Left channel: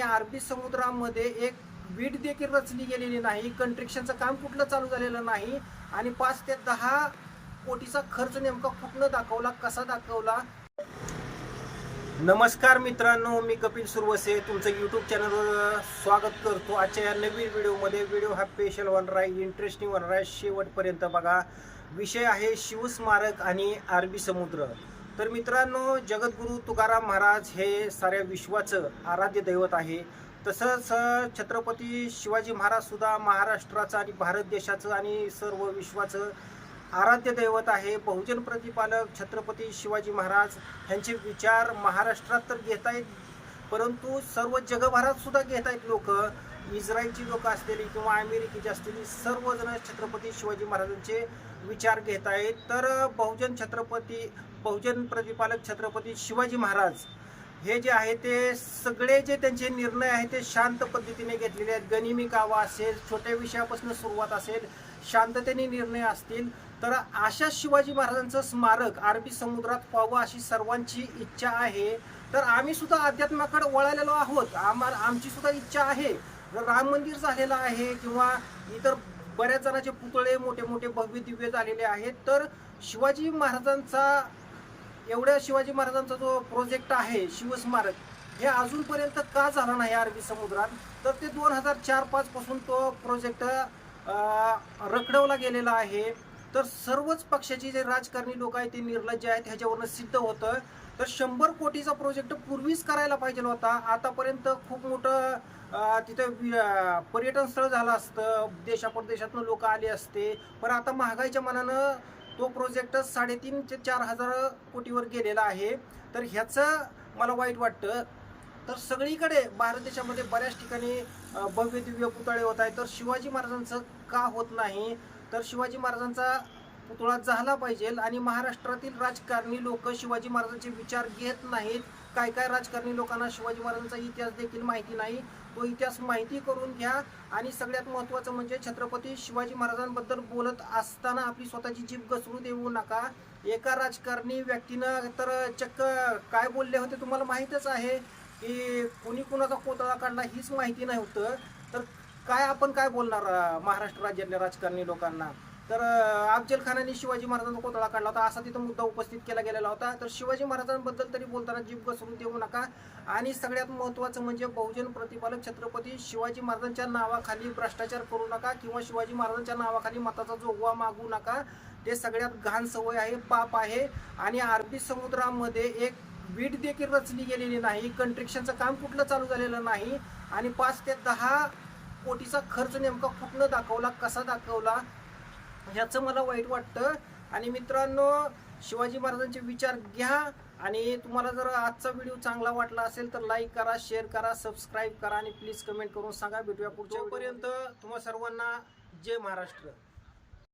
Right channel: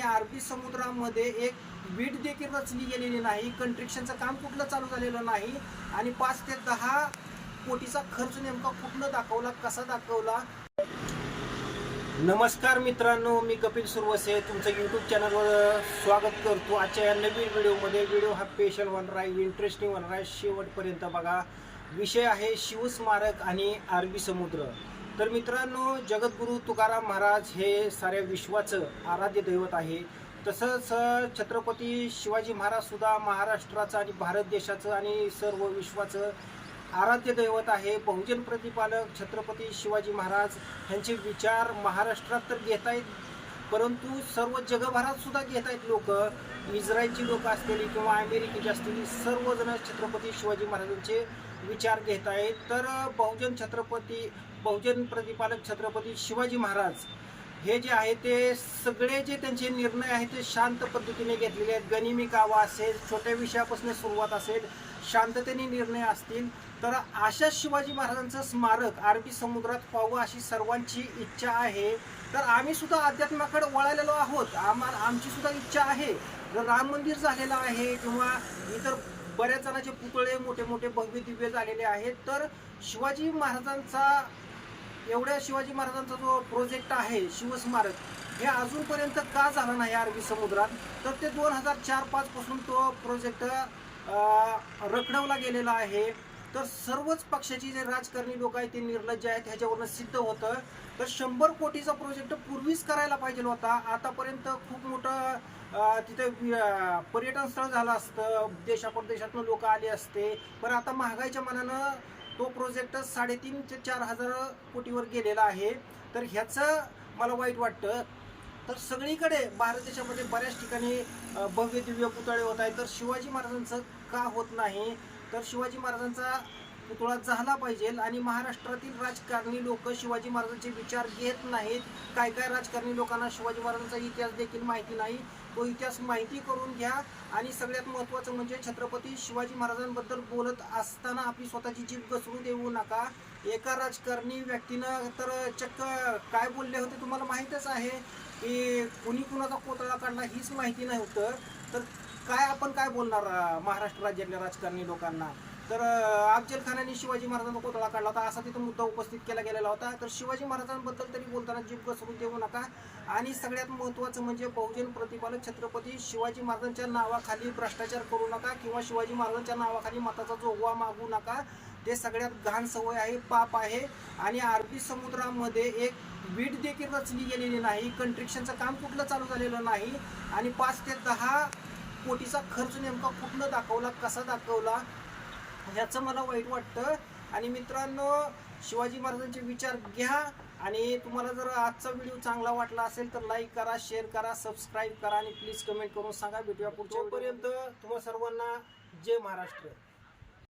आणि अरबी समुद्रामध्ये एक वीट देखील रचली गेलेली नाही. कंट्रिक्शनचं काम कुठलं चालू झालेलं नाही. आणि पाच ते दहा कोटीचा खर्च नेमका कुठनं दाखवला कसा दाखवला? नमस्कार मित्रांनो मी कपिल सुरवसे. तुमचं यूट्यूब चॅनलवर स्वागत करतो. आजच्या या नवीन व्हिडिओमध्ये व्हिडिओ हा स्पेशल होणार आहे इंटरेस्टिंग होणार आहे शेवटपर्यंत बघा. विषय आहे शिवस्मारक आणि अरबी समुद्र. तर मित्रांनो जगद्गुरू तुकाराम महाराज हे साऱ्या विश्वाचं आराध्य दैवत आहे. तसंच छत्रपती शिवाजी महाराज सुद्धा महाराष्ट्राचं आणि भारत देशाचं आणि सर्व विश्वाचं आराध्य दैवत आहे. बहुजन प्रतिपालक छत्रपती शिवाजी महाराज यांचे विचार महाराष्ट्रात तर घेत आहेत परंतु सर्व जगभरात सुद्धा घेत आहेत लोक. इस्रायलची लोक असलेली किंवा अमेरिकेची असलेली सर्वजण छत्रपती शिवाजी महाराजांचे विचार घेत आहेत. तर बहुजन छत्रपती बहुजन प्रतिपालक छत्रपती शिवाजी महाराज हे जे आहे ते सगळे जे त्यांचे निर्णय आहेत ते शांत पद्धतीने घेतलेले आहेत. गनिमी कावा असेल छोट्या विषयापासून सुरुवात असेल शांततेने निर्णय असतील तर अशा शिवाजी महाराजांचं स्मारक अरबी समुद्रात व्हावं अशी सर्वांची इच्छा आहे. तर आम्ही सुद्धा अध्यात्माकडे वळालेलो आहोत. आम्हाला आमची सुद्धा इच्छा आहे. जर राम मंदिर झालेलं आहे किंवा इतर बऱ्याच जणांचे पुतळे मोठे मोठे भव्य दिव्य झालेले आहेत तर शिवाजी महाराजांचा एवढ्या शिवाजी महाराजांचा जो प्रोजेक्ट आहे शिवस्मारक हे अजूनपर्यंत का झाला नाही अरबी समुद्रात? तर ते दोन हजार चार पाच पासून तो प्रोजेक्ट रखडवला गेलेला आहे. तर सर्वच पक्षाचे जे राजकारणी लोक आहेत ते निर्लज्ज आहेत ह्याच्यावरनं सिद्ध होतं. तर शंभर कोटीचा प्रोजेक्ट पूर्वीच करायला पाहिजे होता. आतापर्यंत खूप मोठं तिथं पर्यटन स्थळ झालं असतं. देशापरदेशातनं लोक आले असते. पण आता महागाईच्या मनानं तो प्रोजेक्ट साडेतीन ते चार हजार कोटीवर गेलेला आहे. तर ह्याचं मला वाईट वाटतं. तर सगळीकडे भारत देशामध्ये बऱ्याच ठिकाणी भव्य दिव्य पुतळे होत आहेत. तर शिवाजी महाराजांचं का होत नाही? तर शिवाजी महाराजांचा पुतळा झाला पाहिजे आणि महाराष्ट्रातील राजकारणी लोक शिवाजी महाराजांचे विचार घेत नाहीत. काय काय राजकारणी लोकांना शिवाजी महाराजांचा इतिहास देखील माहिती नाही तो इतिहास माहिती करून घ्या. आणि सगळ्यात महत्त्वाचं म्हणजे छत्रपती शिवाजी महाराजांबद्दल बोलत असताना आपली स्वतःची जीभ घसरू देऊ नका. एका राजकारणी व्यक्तीनं तर चक्क काय बोलले होते तुम्हाला माहीतच आहे की कुणी कुणाचा कोतळा काढला हीच माहिती नाही होतं तर काय आपण काय बोलणार महाराष्ट्र राज्यातल्या राजकारणी लोकांना? तर अफजल खानाने शिवाजी महाराजांचा कोतळा काढला होता. असा तिथं मुद्दा उपस्थित केला गेलेला होता. तर शिवाजी महाराजांबद्दल तरी बोलताना जीभ घसरून देऊ नका. आणि सगळ्यात महत्त्वाचं म्हणजे बहुजन प्रतिपालक छत्रपती शिवाजी महाराजांच्या नावाखाली भ्रष्टाचार करू नका किंवा शिवाजी महाराजांच्या नावाखाली मताचा जोगवा मागू नका. ते सगळ्यात घाण सवय आहे पाप आहे. आणि अरबी समुद्रामध्ये एक वीट देखील रचली गेलेली नाही. कंट्रिक्शनचं काम कुठलं चालू झालेलं नाही. आणि पाच ते दहा कोटीचा खर्च नेमका कुठनं दाखवला कसा दाखवला ह्याचं मला वाईट वाटतं. आणि मित्रांनो शिवाजी महाराजांचे विचार घ्या. आणि तुम्हाला जर आजचा व्हिडिओ चांगला वाटला असेल तर लाईक करा शेअर करा सबस्क्राईब करा. आणि प्लीज कमेंट करून सांगा. भेटूया पुढच्या पर्यंत तुम्हा सर्वांना जय महाराष्ट्र.